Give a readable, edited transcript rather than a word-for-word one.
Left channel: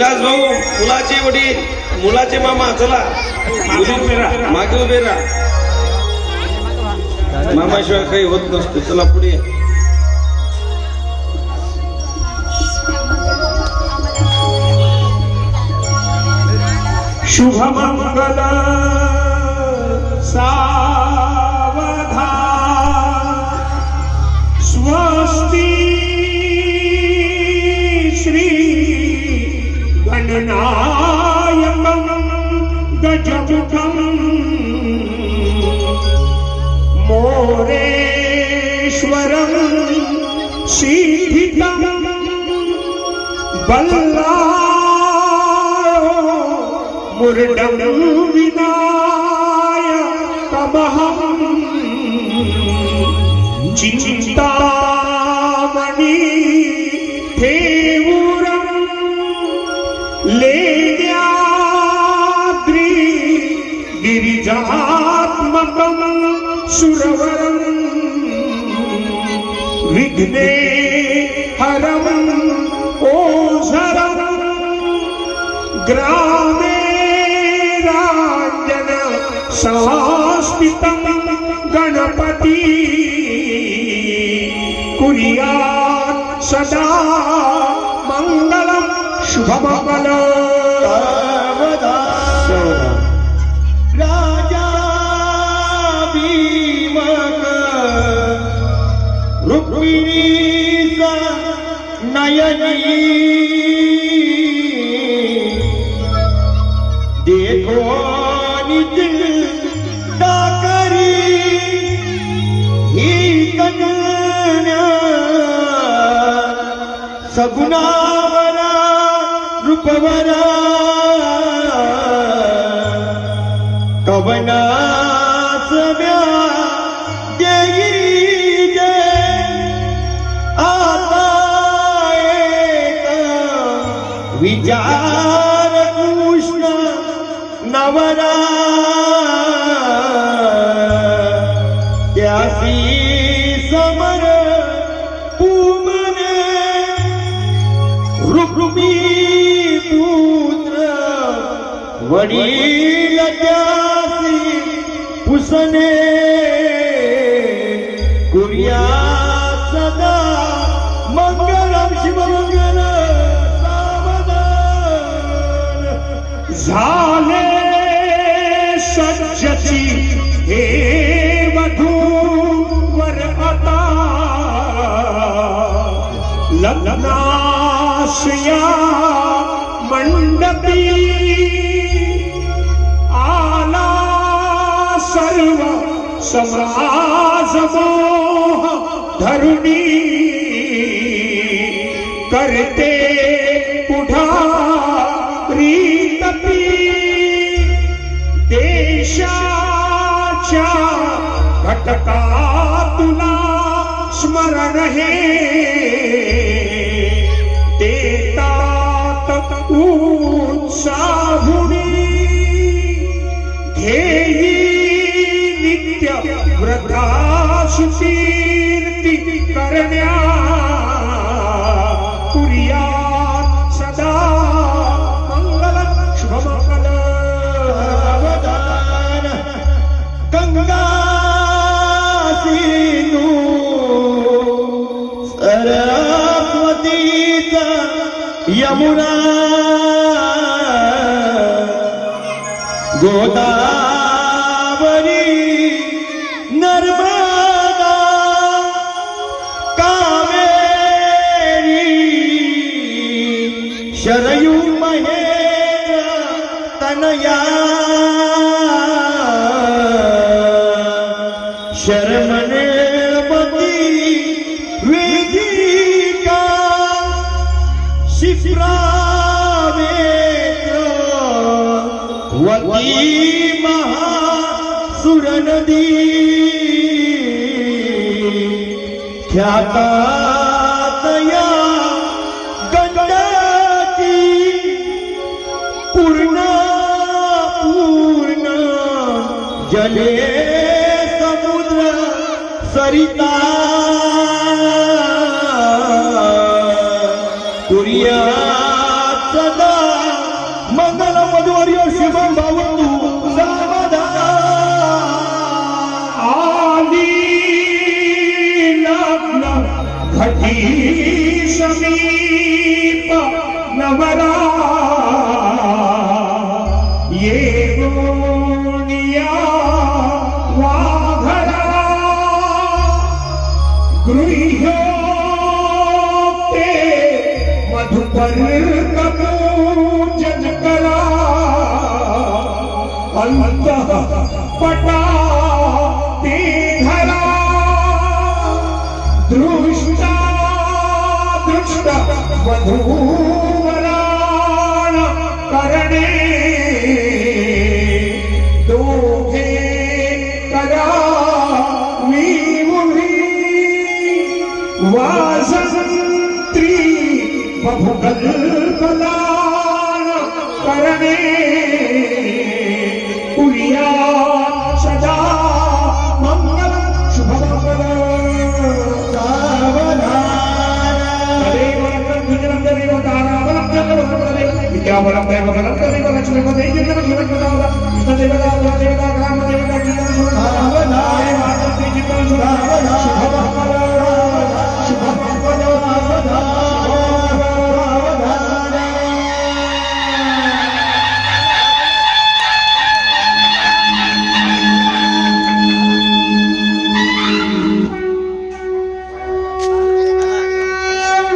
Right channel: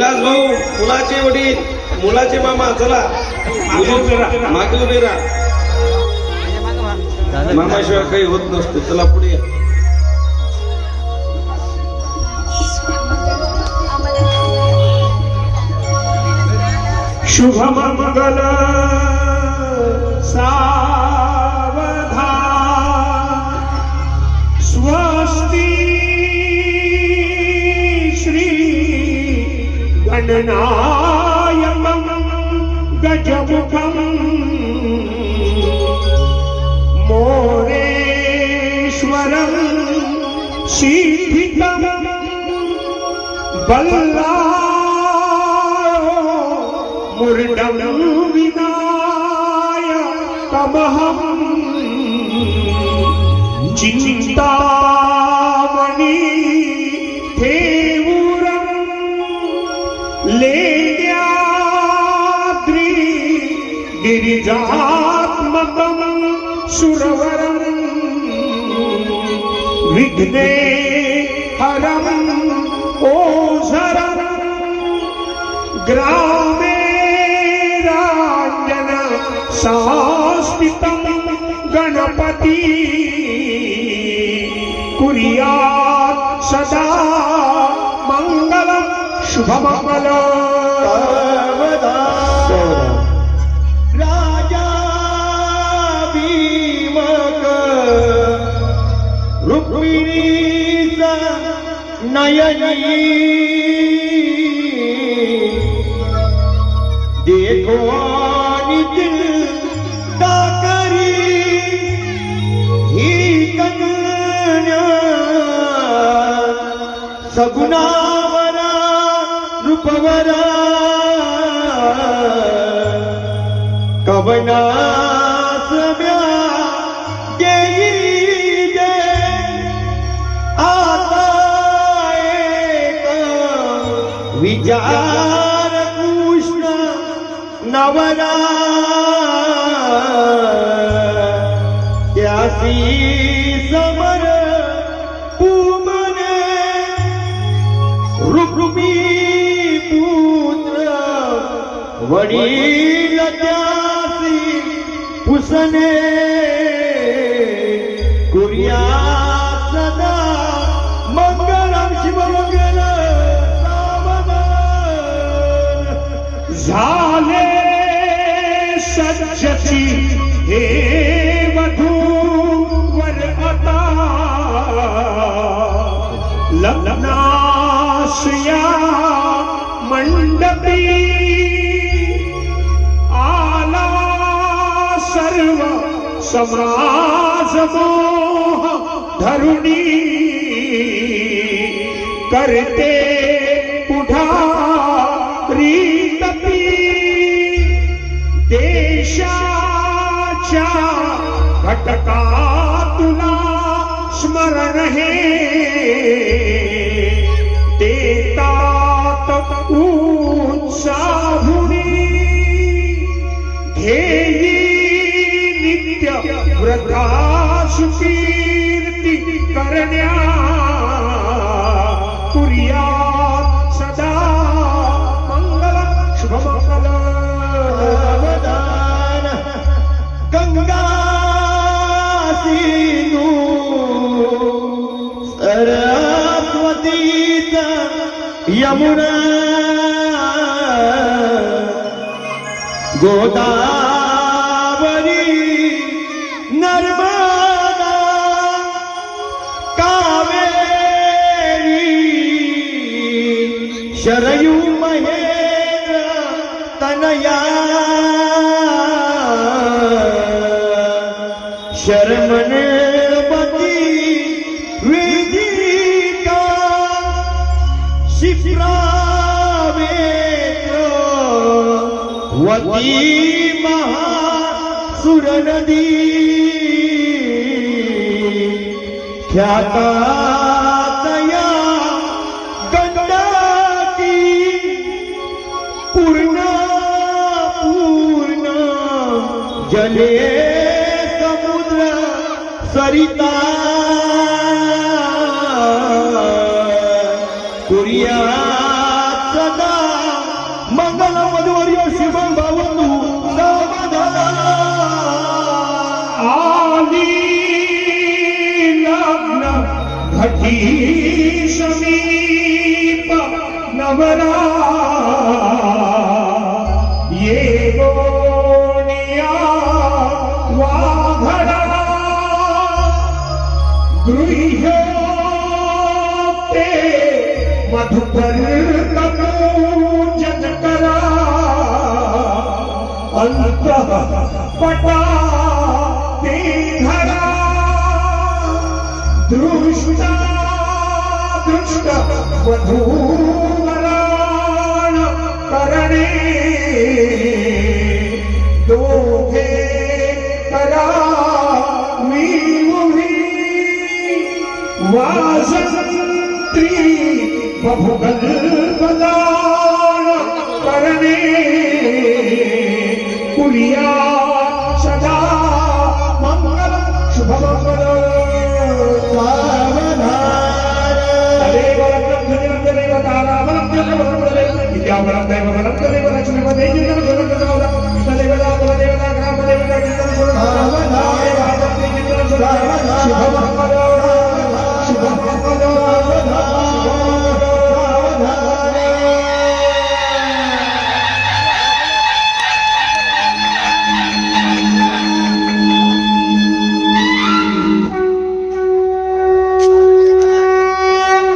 विलास भाऊ मुलाचे वडील मुलाचे मामा चला मागे उभे राहा मामाशिवाय काही होत नसतं चला पुढे या. शुभ मंगल सावधान स्वस्ति श्री गणनायकं गजमुखं मोरेश्वरं सिद्धितं मुर्डं विनायकमहं चिन्तामणि देवुरं लेण्याद्रि गिरिजात्मकं सुरवरं विघ्नेहरं ओझरं ग्रामे संस्थितं गणपति कुर्यात् सदा मंगलं शुभमंगलं राजा भीमक रुक्मिणीचा नयनी देखो सगुणावरा रूपवरा कवना सव्या देई गे आता एक विचार कृष्ण नवरा त्यासी समर रुक्मी पुत्र वडील त्यासी पुसने कुर्यात् सदा मंगलं शिवमंगल सावधान झाले सज्जची हे वधूवर आता लग्नाश्या मंडपी आला सर्व समाज मोह धरुणी करते पुढारी तपी देशाच्या घटका तुला स्मरण हे उत्साहुनी ध्येयी नित्य व्रताशुकीर्ती करण्या कुर्यात् सदा मंगलं शुभमंगलं गंगा सिंधू सरस्वतीचा यमुना गोदावरी नर्मदा कावेरी शरयू महेंद्र तनया शर्मणपति वेदिका शिप्रा वती महासुर नदी ख्यातातया गंडकी पूर्ण जले समुद्र सरिता कुर्यात् सदा शुभम भावतु समाधान आली लग्न घटी समीप नवरा ये गोनिया वाघरा गृह्योक्ते मधुकर कपूजन करा अंतः पटा ते धरा दृष्टा दृष्ट वधूवराण करणे दोघे करा मीमुही वासंत्री बहुकल्पनान करणे पुरिया सदा मंगल शुभमंगल